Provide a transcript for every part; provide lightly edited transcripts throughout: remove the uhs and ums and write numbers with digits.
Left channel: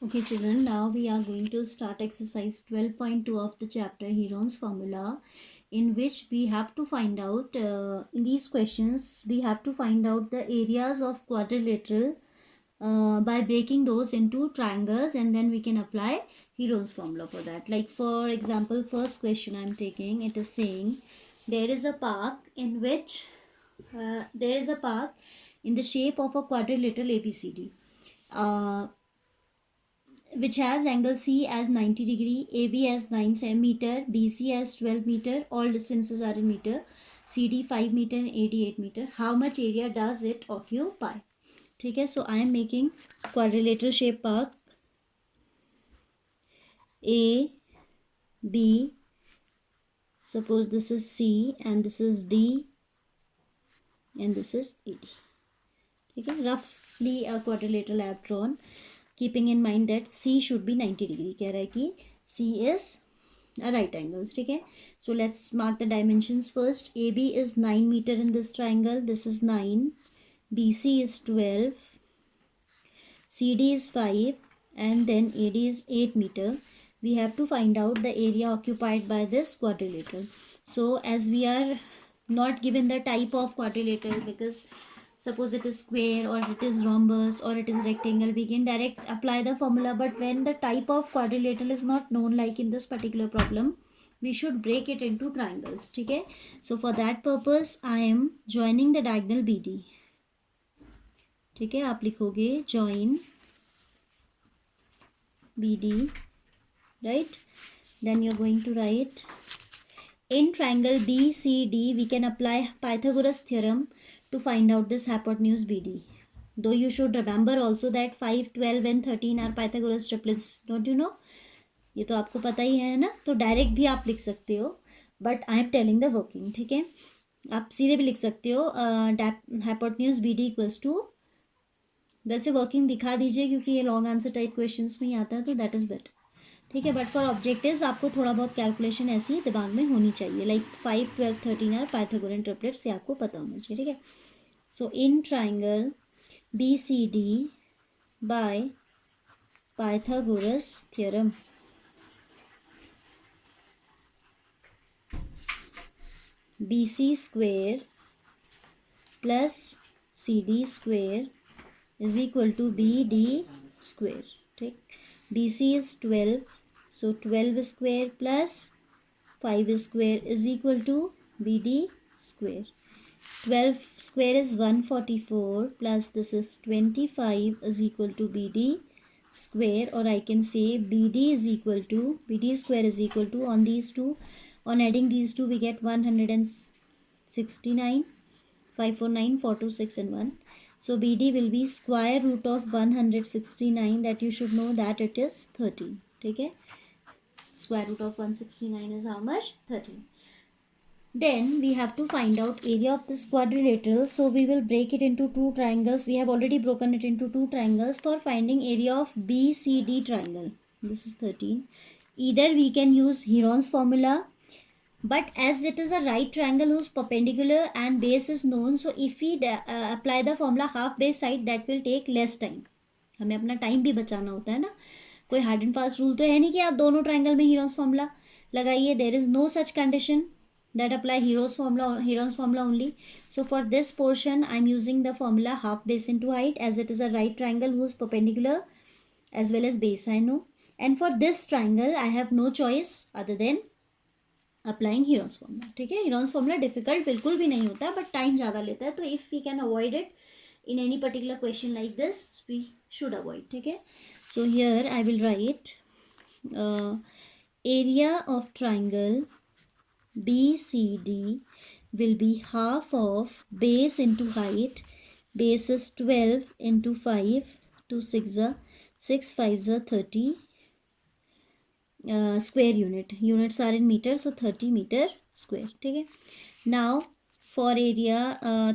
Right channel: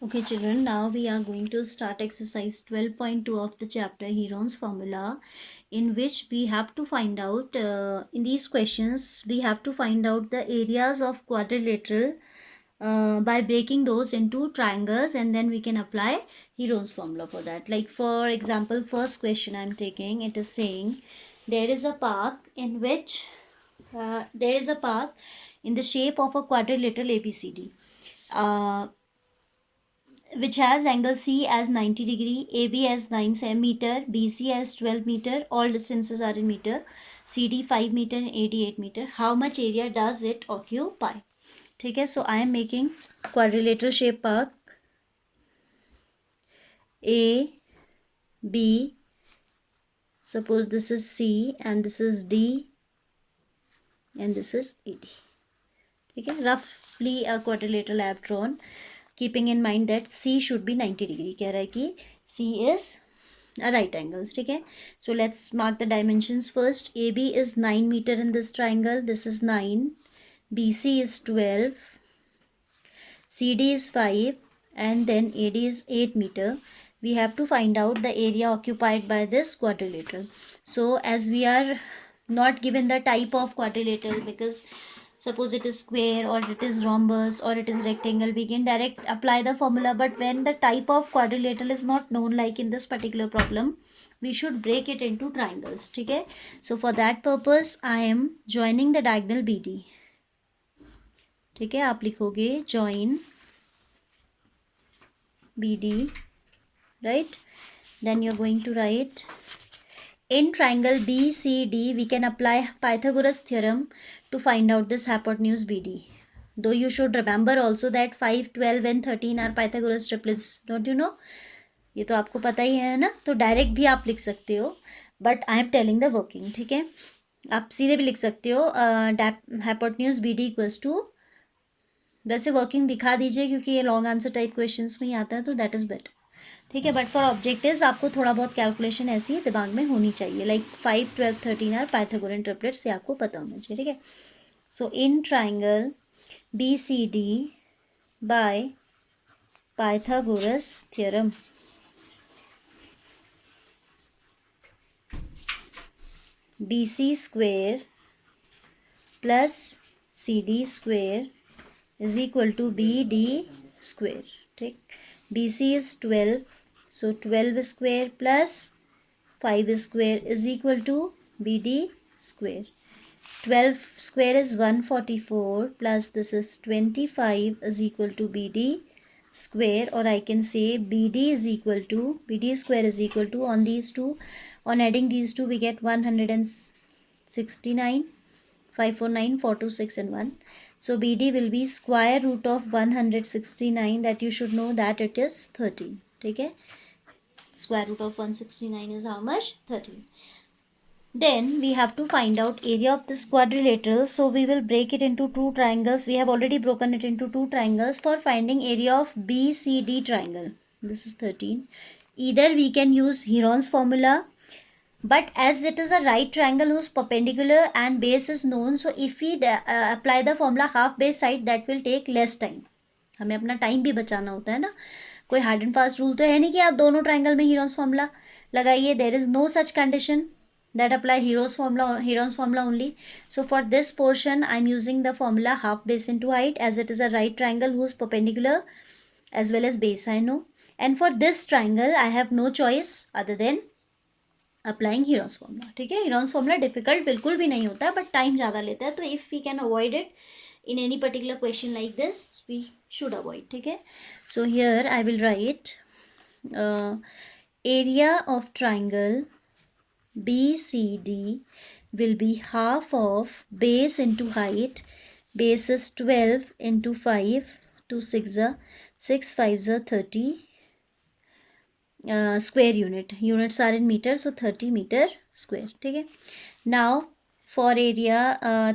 Okay, children, now we are going to start exercise 12.2 of the chapter Heron's Formula, in which we have to find out, in these questions, we have to find out the areas of quadrilateral by breaking those into triangles, and then we can apply Heron's Formula for that. Like, for example, first question I'm taking, it is saying there is a park in which there is a park in the shape of a quadrilateral ABCD. Which has angle C as 90 degree, AB as 9 meter, BC as 12 meter, all distances are in meter, CD 5 meter and AD 8 meter. How much area does it occupy? ठीक है, so I am making quadrilateral shape park A, B, suppose this is C and this is D and this is AD. ठीक है, roughly a quadrilateral I have drawn, keeping in mind that C should be 90 degree. कह रहा है कि C is a right angles. ठीक है, so let's mark the dimensions first. AB is 9 meter in this triangle. This is 9. BC is 12. CD is 5 and then AD is 8 meter. We have to find out the area occupied by this quadrilateral. So as we are not given the type of quadrilateral, because suppose it is square or it is rhombus or it is rectangle, we can direct apply the formula. But when the type of quadrilateral is not known, like in this particular problem, we should break it into triangles. ठीक है, so for that purpose I am joining the diagonal BD. ठीक है, आप लिखोगे join BD, right? Then you're going to write in triangle BCD we can apply Pythagoras theorem to find out this hypotenuse BD. Though you should remember also that 5, 12 and 13 are Pythagoras triplets. Don't you know? ये तो आपको पता ही है ना, तो direct भी आप लिख सकते हो, but I am telling the working. ठीक है, आप सीधे भी लिख सकते हो हाइपोटेन्यूज BD इक्वल्स टू, वैसे वर्किंग दिखा दीजिए क्योंकि ये लॉन्ग आंसर टाइप क्वेश्चंस में ही आता है, तो दैट इज़ बेटर. ठीक है, बट फॉर ऑब्जेक्टिव्स आपको थोड़ा बहुत कैलकुलेशन ऐसी दिमाग में होनी चाहिए, लाइक 5, 12, 13 आर पाइथागोरन ट्रिपलेट्स, से आपको पता होना चाहिए. ठीक है, so in triangle BCD by Pythagoras theorem, BC square plus CD square is equal to BD square. ठीक, BC is 12, so 12 square plus 5 square is equal to BD square. 12 square is 144 plus this is 25 is equal to BD square, or I can say BD square is equal to, on these two, on adding these two we get 169, 549, 426 and 1. So BD will be square root of 169, that you should know that it is 13. ठीक है, square root of 169 is how much? 13. Then we have to find out area of this quadrilateral. So we will break it into two triangles. We have already broken it into two triangles for finding area of BCD triangle. This is 13. Either we can use Heron's formula, but as it is a right triangle whose perpendicular and base is known, so if we apply the formula half base side, that will take less time. हमें अपना time भी बचाना होता है ना, कोई hard and fast rule तो है नहीं कि आप दोनों ट्राइंगल में हीरोज फॉर्मूला लगाइए. There is no such condition that apply Heron's formula only. So for this portion I am using the formula half base into height, as it is a right triangle whose perpendicular as well as base I know, and for this triangle I have no choice other than applying Heron's formula. ठीक है, Heron's formula difficult बिल्कुल भी नहीं होता है, but time ज़्यादा लेता है, तो if we can avoid it in any particular question like this, we should avoid. ठीक है, so here I will write area of triangle BCD will be half of base into height. Base is 12 into 5, 2 6 6 5 30 square unit. Units are in meter, so 30 meter square. ठीक है, now for area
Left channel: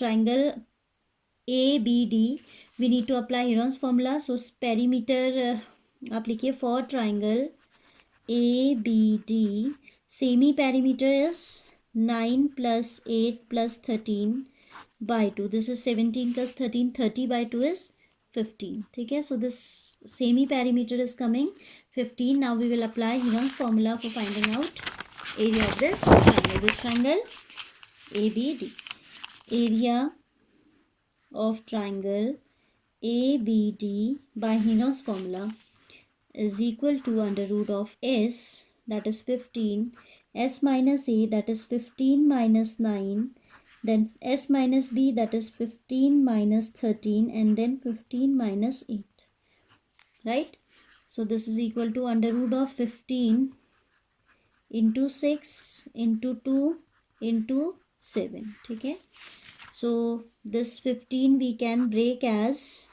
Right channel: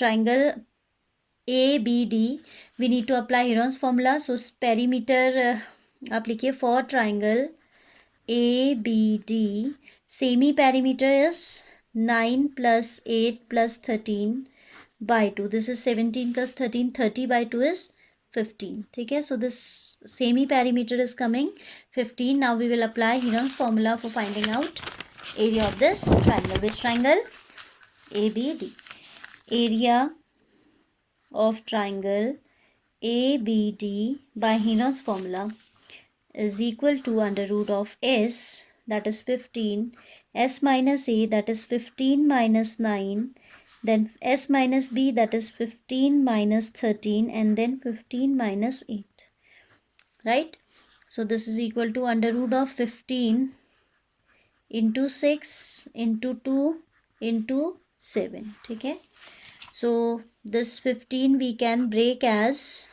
triangle ABD we need to apply Heron's formula. So perimeter आप लिखिए for triangle ABD, semi perimeter is 9 plus 8 plus 13 by 2. This is 17 plus 13, 30 by 2 is 15. ठीक है, so this semi perimeter is coming 15. Now we will apply Heron's formula for finding out area of this triangle. Which triangle? ABD. Area of triangle ABD by Heron's formula is equal to under root of S, that is 15, S minus A, that is 15 minus 9, then S minus B, that is 15 minus 13, and then 15 minus 8. Right? So this is equal to under root of 15 into 6 into 2 into 7. Okay? So this 15 we can break as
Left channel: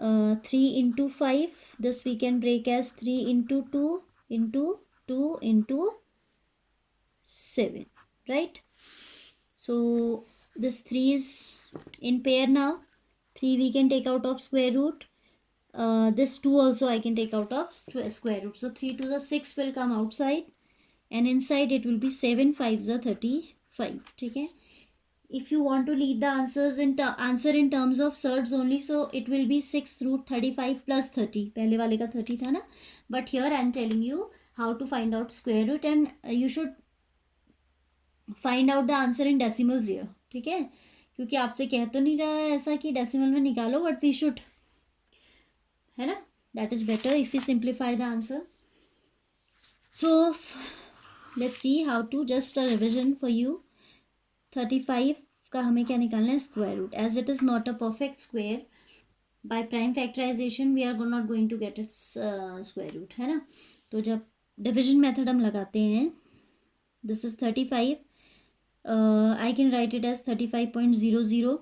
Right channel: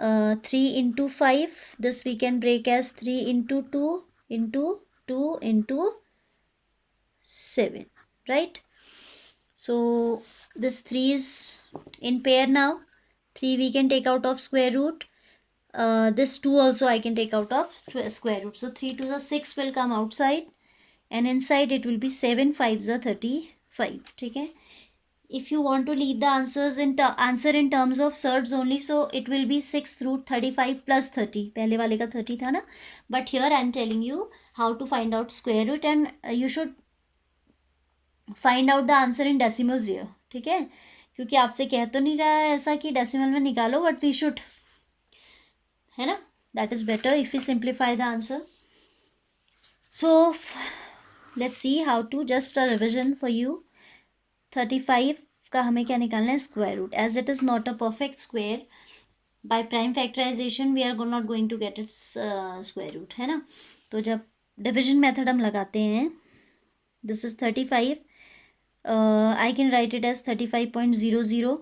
3 into 5. This we can break as 3 into 2 into 2 into 7. Right? So this 3 is in pair now. 3 we can take out of square root. This 2 also I can take out of square root. So 3 to the 6 will come outside. And inside it will be 7 5s are 35. Okay? If you want to leave the answers in answer in terms of surds only, so it will be 6 root 35 plus 30. पहले वाले का 30 था ना. But here I am telling you how to find out square root, and you should find out the answer in decimals here. ठीक है, क्योंकि आपसे कह तो नहीं रहा है ऐसा कि डेसिमल में निकालो, बट वी शुड, है ना, that is better if we simplify the answer. So let's see how to, just a revision for you. 35 का हमें क्या निकालना है? Square root. As it is not a perfect square, by prime factorisation we are not going to get its square root, है ना. तो जब division method हम लगाते हैं, this is 35, I can write it as 35.00,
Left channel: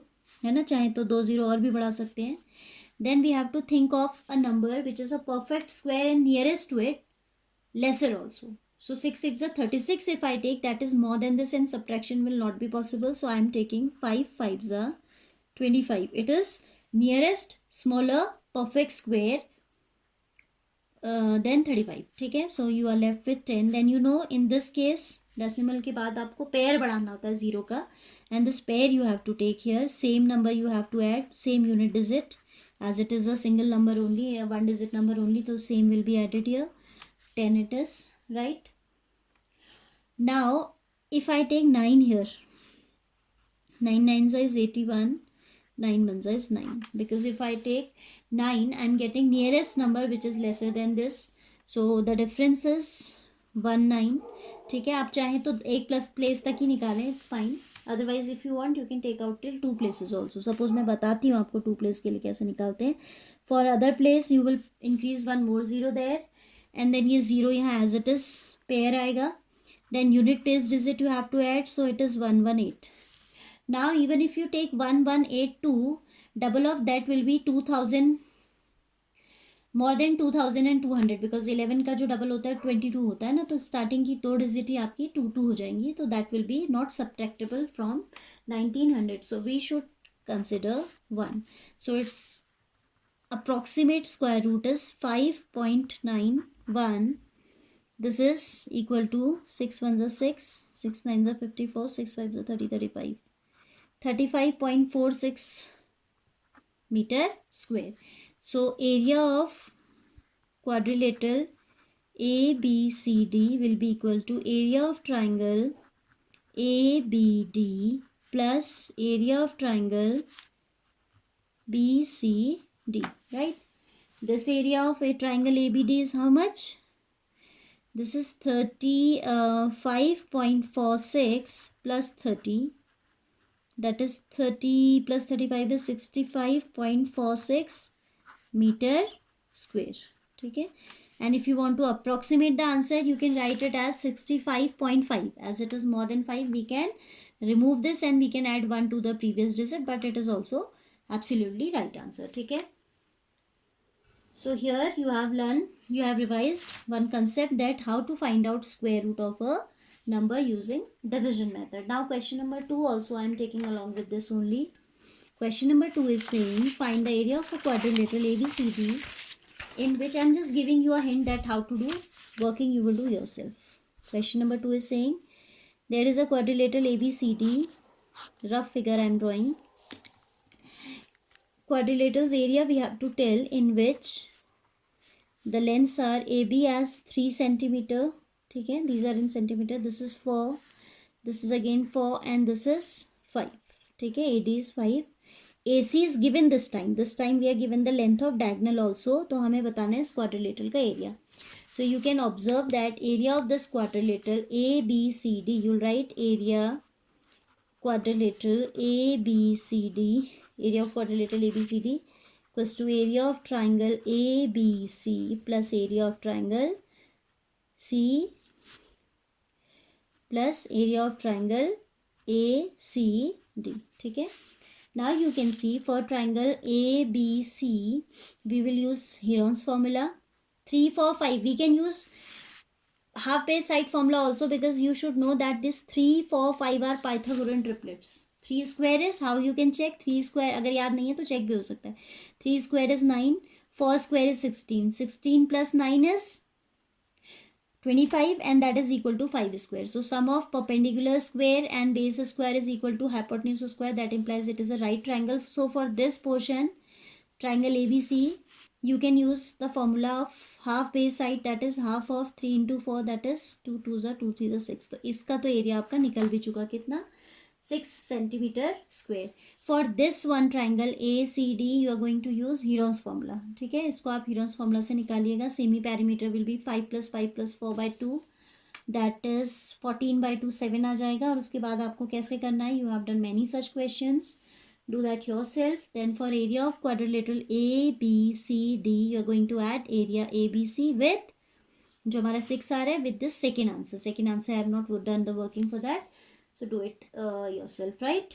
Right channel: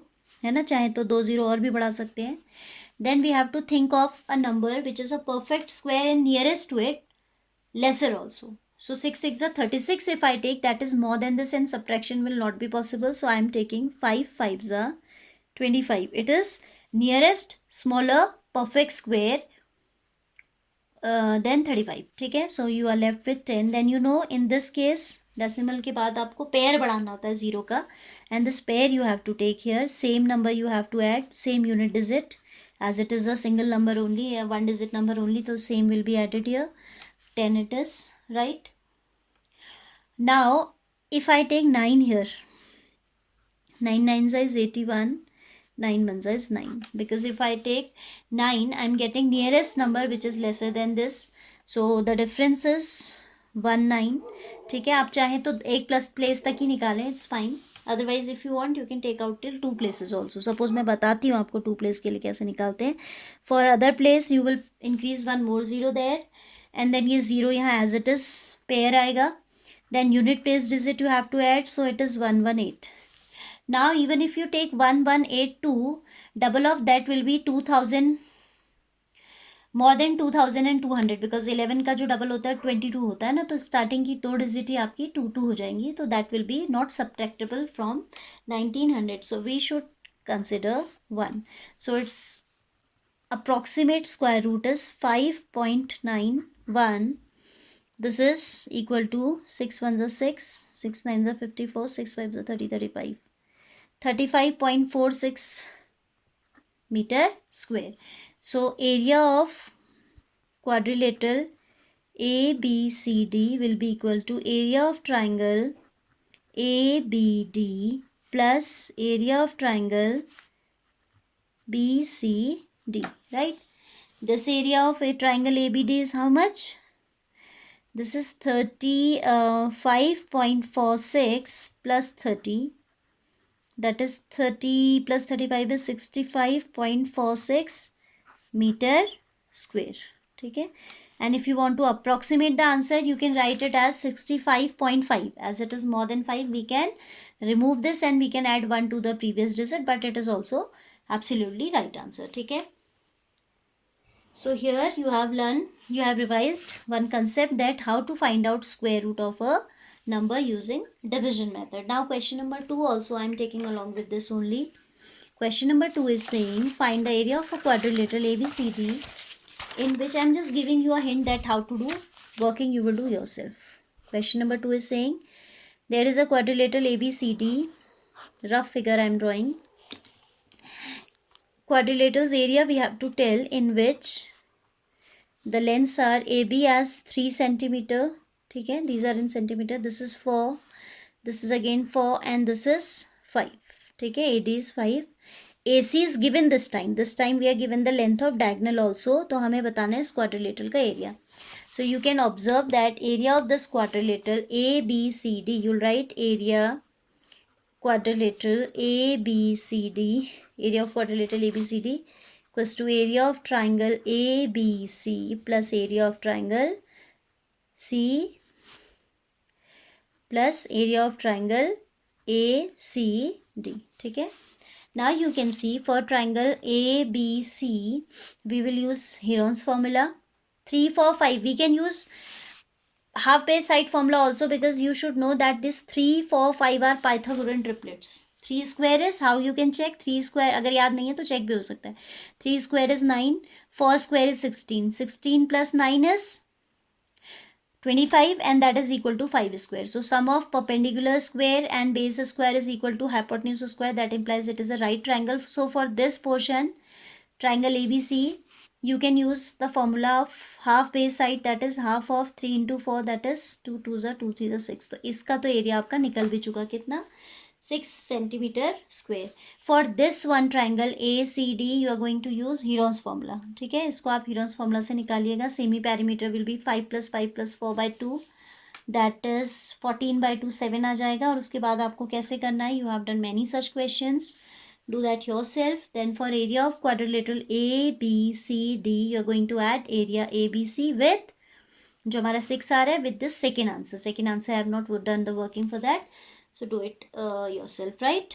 है ना, चाहे तो 2 0 और भी बढ़ा सकते हैं. Then we have to think of a number which is a perfect square and nearest to it, lesser also. So 6 6 are 36. If I take, that is more than this, and subtraction will not be possible. So I am taking 5 5s are 25. It is nearest smaller perfect square then 35. ठीक है, so you are left with 10. Then you know in this case decimal के बाद आपको pair बढ़ाना होता है zero का, and this pair you have to take here. Same number you have to add, same unit digit, as it is a single number only, a one digit number only, so same will be added here. 10 it is, right? Now if I take 9 here, 9 9s is 81, 9 1s is 9, because if I take 9 I am getting nearest number which is lesser than this, so the difference is 1 9. ठीक है, आप चाहे तो एक plus place तक ही निकालें, it's fine. Otherwise if you want you can take out till 2 places also. Suppose मैं बताती हूँ आपको 2 प्लेस के लिए कैसे निकालते हैं. For other place you will increase 1 more zero there, and then ये जीरो यहाँ एज इट इज पेयर आएगा. then unit place digit you have to add, so it is 118. now even if you take 1182, double of that will be 2000, more than 2200, because 11 का जो double होता है 22 होता है ना, तो स्टार्टिंग की 2 डिजिट ही आपकी 2 2 हो जाएंगी, तो that will be not subtractable from 1900. so we should consider 1. so its approximate square root is 5.91. This is equal to 6 1s are 6, 6 9s are 54, 6 5s are 30 35, 35.46 meter square. So area of quadrilateral ABCD will be equal to area of triangle ABD plus area of triangle BCD, right? This area of a triangle ABD is how much? This is 35.46 plus 30, that is 30 plus 35 is 65.46 meter square. ठीक है, and if you want to approximate the answer you can write it as 65.5. as it is more than 5 we can remove this and we can add 1 to the previous digit, but it is also absolutely right answer. ठीक है, so here you have learned, you have revised one concept, that how to find out square root of a number using division method. Now question number 2 also I am taking along with this only. Question number 2 is saying find the area of a quadrilateral ABCD, in which I am just giving you a hint that how to do, working you will do yourself. Question number 2 is saying there is a quadrilateral ABCD, rough figure I am drawing. quadrilateral's area we have to tell in which the lengths are AB as 3 centimeter. ठीक है, these are in centimeter. This is 4, this is again 4, and this is 5. ठीक है, AD is 5. AC is given this time. This time we are given the length of diagonal also. तो हमें बताना है इस quadrilateral का area. So you can observe that area of this quadrilateral ABCD. You'll write area quadrilateral ABCD. Area of quadrilateral ABCD equals to area of triangle ABC plus area of triangle C plus area of triangle ACD. ठीक है. Now you can see for triangle ABC, we will use Heron's formula. 3, 4, 5. We can use half base side formula also, because you should know that this 3, 4, 5 are Pythagorean triplets. 3 square is, how you can check 3 square, अगर याद नहीं है तो check भी हो सकता है. 3 square is 9, 4 square is 16, 16 plus 9 is 25, and that is equal to 5 square. So sum of perpendicular square and base square is equal to hypotenuse square. That implies it is a right triangle. So for this portion, triangle ABC, you can use the formula of half base side, that is half of 3 into 4, that is 2 2s are 2 3s are 6. तो इसका तो area आपका निकल भी चुका, कितना 6 centimeter square. For this one triangle ACD, you are going to use Heron's formula. ठीक है, इसको आप Heron's formula से निकालिएगा. Semi perimeter will be 5 plus 5 plus 4 by 2, that is 14 by 2, 7 आ जाएगा. और उसके बाद आपको कैसे करना है, you have done many such questions. Do that yourself. Then for area of quadrilateral ABCD, you are going to add area ABC with जो हमारा 6 आ रहा है, with this second answer. Second answer I have not done the working for that. So do it yourself, right?